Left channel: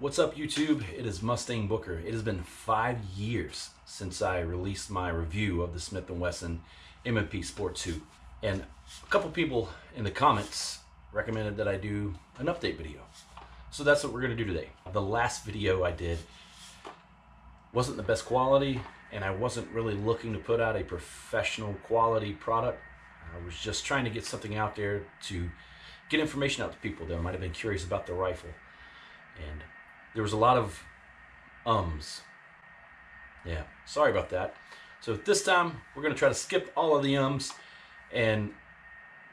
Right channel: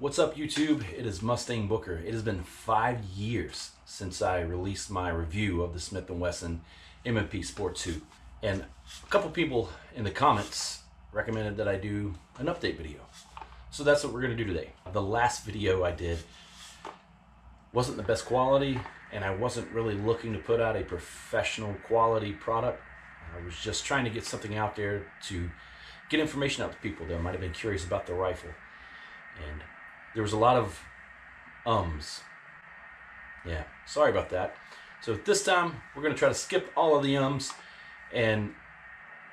What's up, YouTube? It is Mustang Booker. It has been 5 years since I released my review of the Smith & Wesson M&P Sport II. And a couple people in the comments recommended that I do an update video. So that's what we're going to do today. The last video I did wasn't the best quality, and I wasn't really looking to put out a professional quality product. I was just trying to get something out there to get information out to people that might have been curious about the rifle. And there was a lot of ums. Yeah, sorry about that. So this time, we're going to try to skip all of the ums, and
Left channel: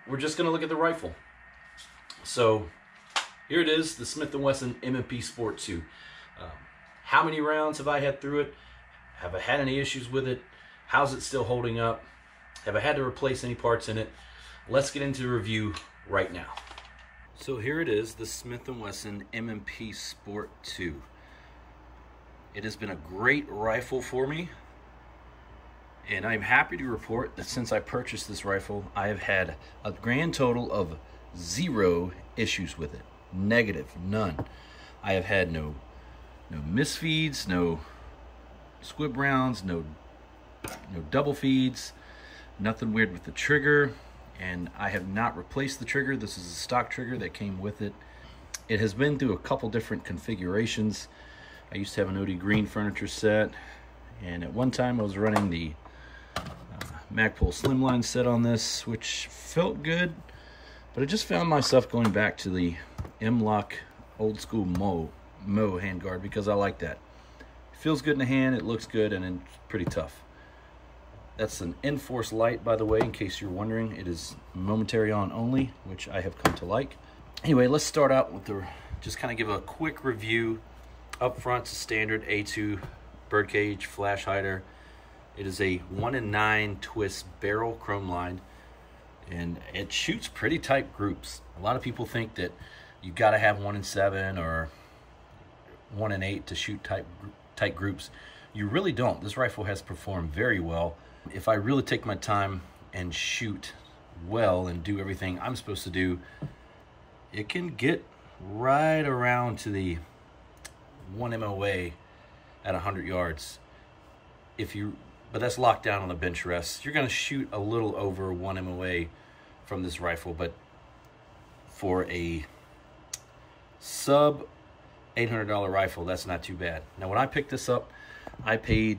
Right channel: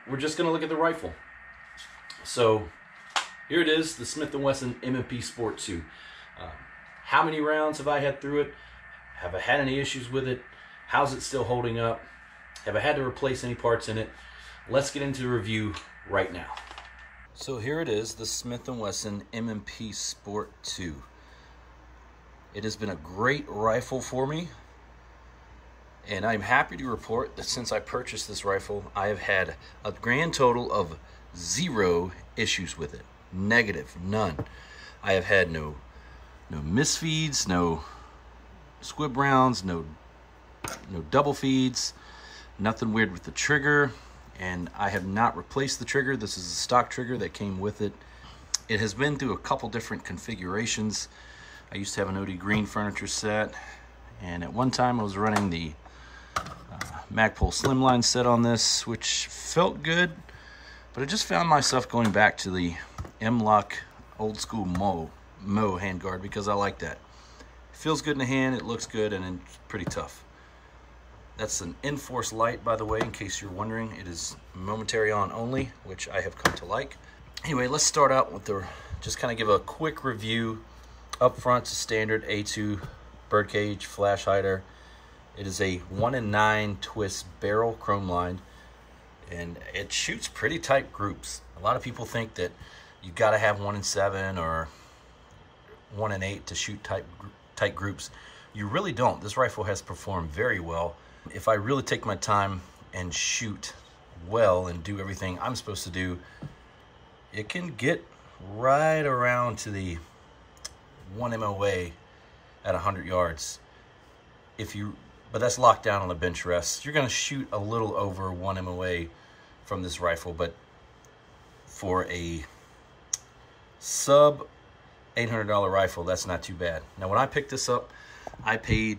we're just going to look at the rifle. So here it is, the Smith & Wesson M&P Sport II. How many rounds have I had through it? Have I had any issues with it? How's it still holding up? Have I had to replace any parts in it? Let's get into the review right now. So here it is, the Smith & Wesson M&P Sport II. It has been a great rifle for me, and I'm happy to report that since I purchased this rifle, I have had a grand total of 0 issues with it. Negative, none. I have had no misfeeds, no squib rounds, no double feeds, nothing weird with the trigger. And I have not replaced the trigger. This is a stock trigger that came with it. It has been through a couple different configurations. I used to have an OD green furniture set, and at one time I was running the Magpul Slimline set on this, which felt good, but I just found myself going back to the M-Lock old school Mo handguard because I like that. It feels good in the hand, it looks good, and it's pretty tough. That's an Enforce Light, by the way, in case you're wondering. It is momentary on only, which I have come to like. Anyway, let's start out with just kind of give a quick review. Up front, it's a standard A2 birdcage flash hider. It is a 1-in-9 twist barrel chrome line, and it shoots pretty tight groups. A lot of people think that you've got to have 1-in-7 or 1-in-8 to shoot tight groups. You really don't. This rifle has performed very well. If I really take my time and shoot well and do everything I'm supposed to do, it can get right around to the 1 MOA at 100 yards. But that's locked down on a bench rest. You're going to shoot a little over 1 MOA from this rifle, but for a sub $800 rifle, that's not too bad. Now, when I picked this up, I paid,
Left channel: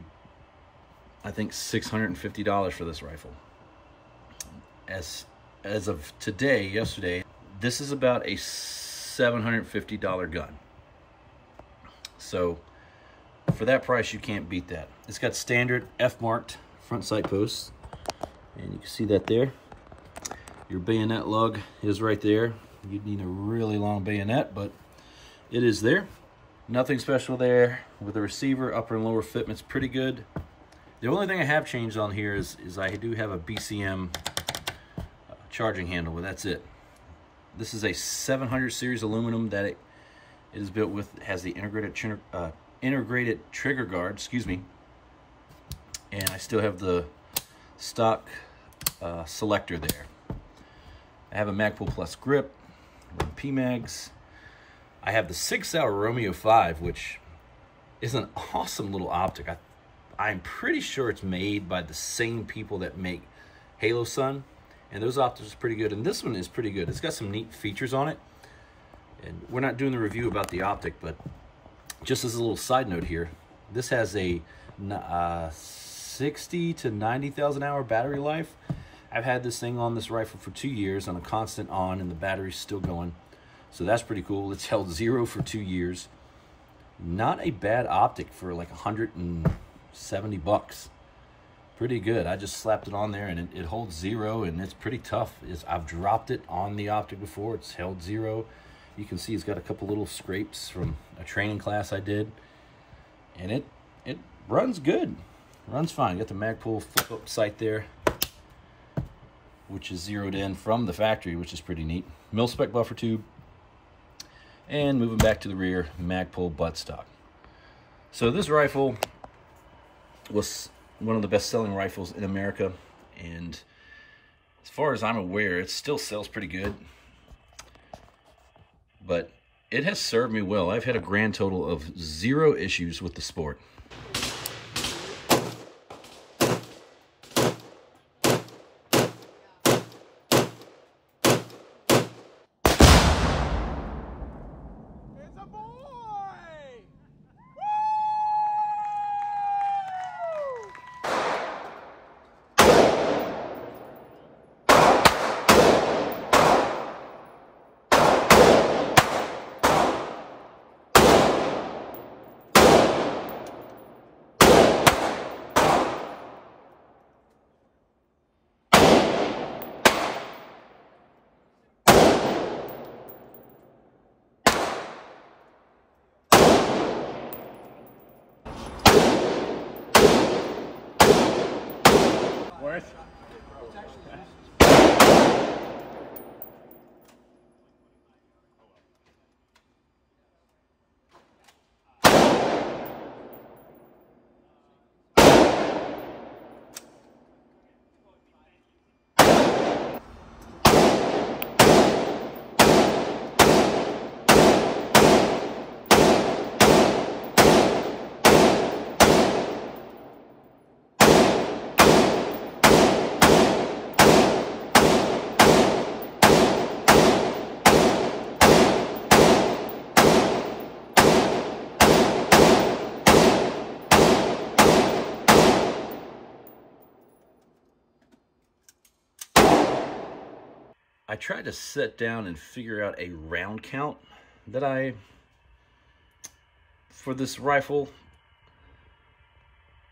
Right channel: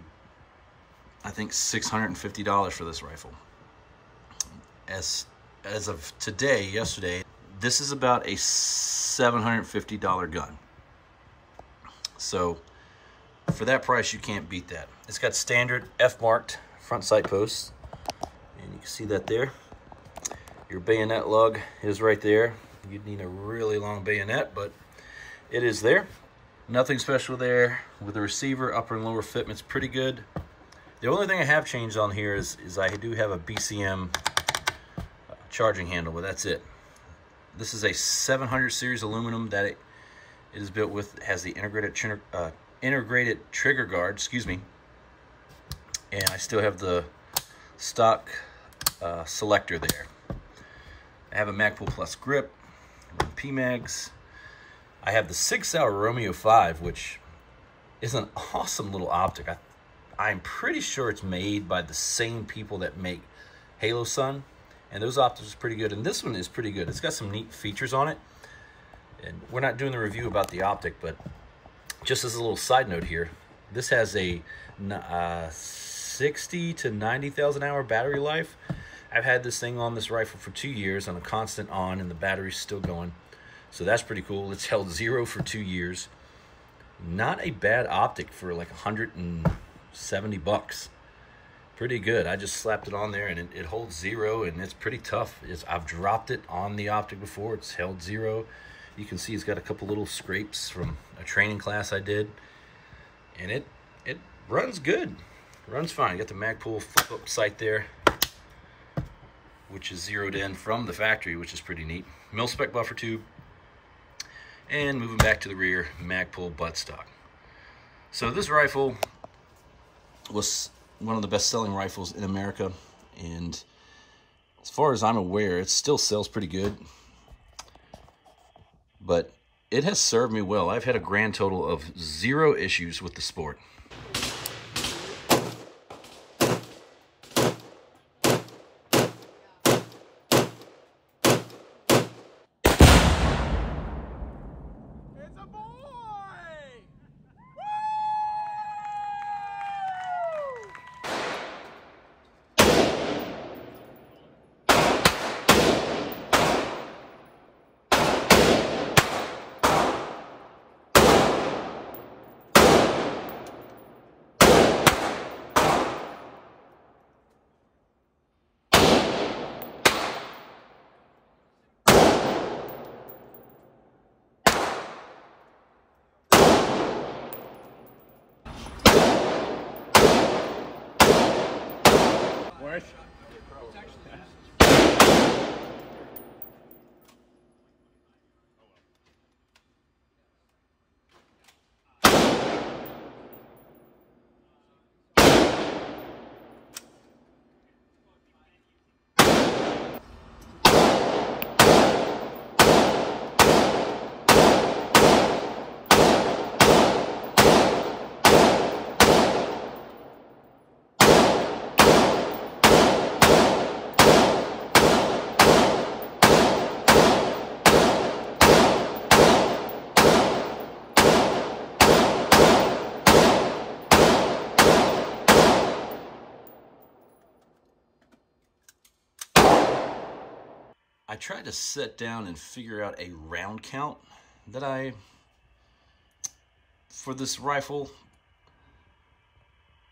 I think, $650 for this rifle. As of today, yesterday, this is about a $750 gun. So for that price, you can't beat that. It's got standard F-marked front sight posts, and you can see that there. Your bayonet lug is right there. You'd need a really long bayonet, but it is there. Nothing special there. With the receiver, upper and lower fitment's pretty good. The only thing I have changed on here is I do have a BCM charging handle, but that's it. This is a 700 series aluminum that it is built with. It has the integrated trigger guard, excuse me. And I still have the stock selector there. I have a Magpul Plus grip, PMags. I have the 6-hour Romeo 5, which is an awesome little optic. I'm pretty sure it's made by the same people that make Halo Sun, and those optics are pretty good, and this one is pretty good. It's got some neat features on it, and we're not doing the review about the optic, but just as a little side note here, this has a 60 to 90,000 hour battery life. I've had this thing on this rifle for 2 years on a constant on, and the battery's still going. So that's pretty cool. It's held 0 for 2 years. Not a bad optic for like $170. Pretty good. I just slapped it on there, and it holds 0, and it's pretty tough. I've dropped it on the optic before. It's held 0. You can see it's got a couple little scrapes from a training class I did. And it runs good. Runs fine. You got the Magpul flip-up sight there, which is zeroed in from the factory, which is pretty neat. Mil-spec buffer tube. And moving back to the rear, Magpul buttstock. So this rifle was one of the best-selling rifles in America, and as far as I'm aware, it still sells pretty good. But it has served me well. I've had a grand total of 0 issues with the sport. Worth? I tried to sit down and figure out a round count that for this rifle,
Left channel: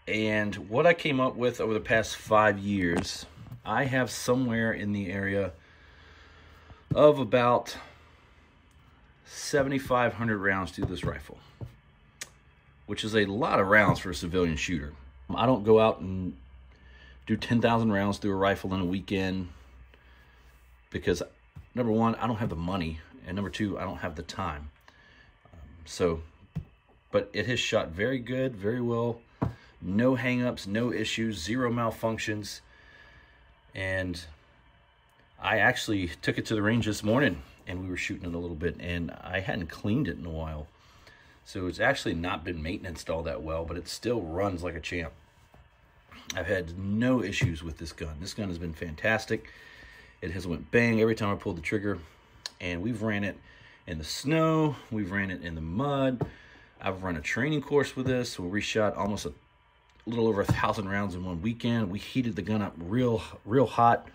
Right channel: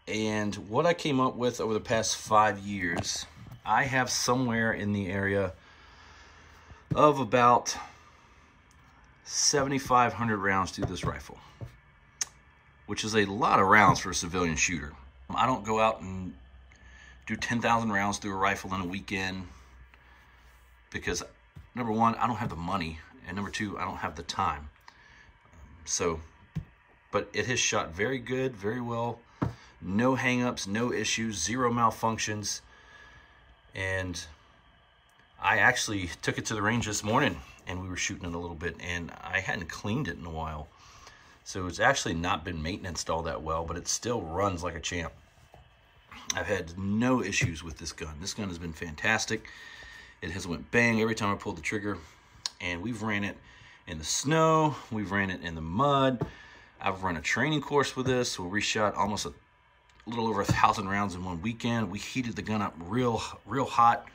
and what I came up with over the past 5 years, I have somewhere in the area of about 7,500 rounds through this rifle, which is a lot of rounds for a civilian shooter. I don't go out and do 10,000 rounds through a rifle in a weekend, because number one, I don't have the money, and number two, I don't have the time. But it has shot very good, very well. No hangups, no issues, 0 malfunctions. And I actually took it to the range this morning, and we were shooting it a little bit, and I hadn't cleaned it in a while. So it's actually not been maintained all that well, but it still runs like a champ. I've had no issues with this gun. This gun has been fantastic. It has went bang every time I pulled the trigger, and we've ran it in the snow, we've ran it in the mud. I've run a training course with this where we shot almost a little over 1,000 rounds in one weekend. We heated the gun up real hot.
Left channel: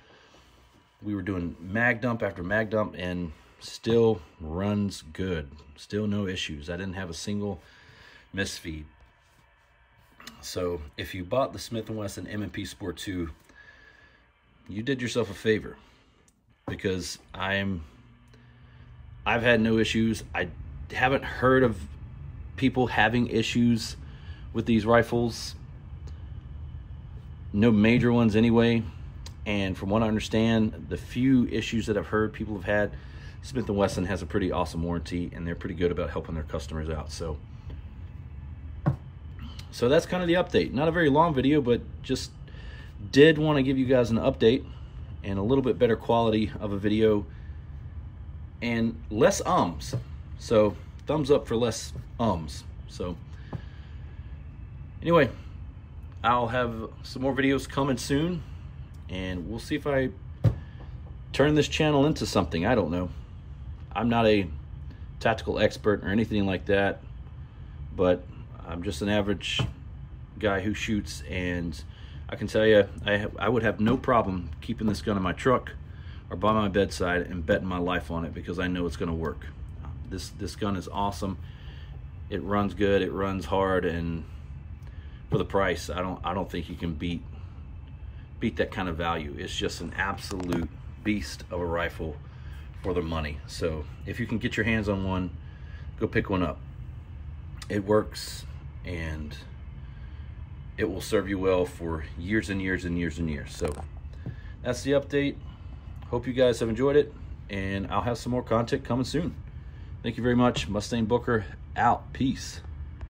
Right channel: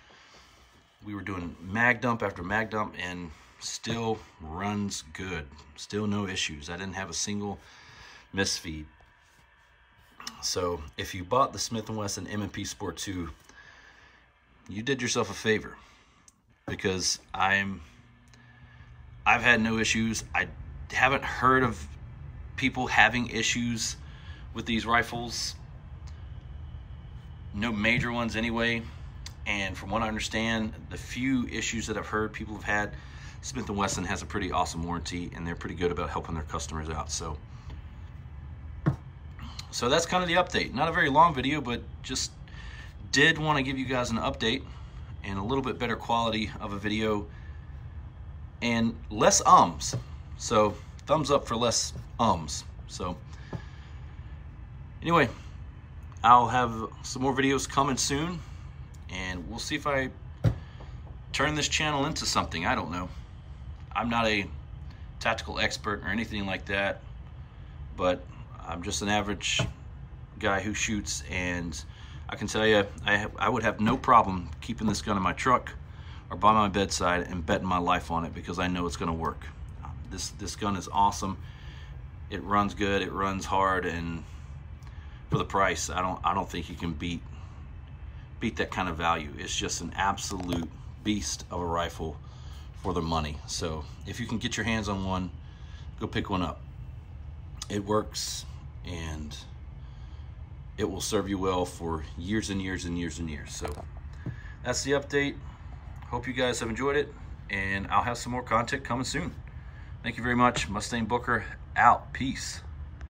We were doing mag dump after mag dump, and still runs good. Still no issues. I didn't have a single misfeed. So if you bought the Smith & Wesson M&P Sport II, you did yourself a favor, because I've had no issues. I haven't heard of people having issues with these rifles. No major ones anyway. And from what I understand, the few issues that I've heard people have had, Smith & Wesson has a pretty awesome warranty, and they're pretty good about helping their customers out. So that's kind of the update. Not a very long video, but just did want to give you guys an update and a little bit better quality of a video and less ums. So thumbs up for less ums. So anyway, I'll have some more videos coming soon, and we'll see if I turn this channel into something. I don't know. I'm not a tactical expert or anything like that, but I'm just an average guy who shoots, and I can tell you, I would have no problem keeping this gun in my truck or by my bedside and betting my life on it, because I know it's going to work. This gun is awesome. It runs good. It runs hard, and for the price, I don't think you can beat that kind of value. It's just an absolute beast of a rifle for the money. So if you can get your hands on one, go pick one up. It works, and it will serve you well for years and years and years and years. So that's the update. Hope you guys have enjoyed it, and I'll have some more content coming soon. Thank you very much. Mustang Booker out. Peace.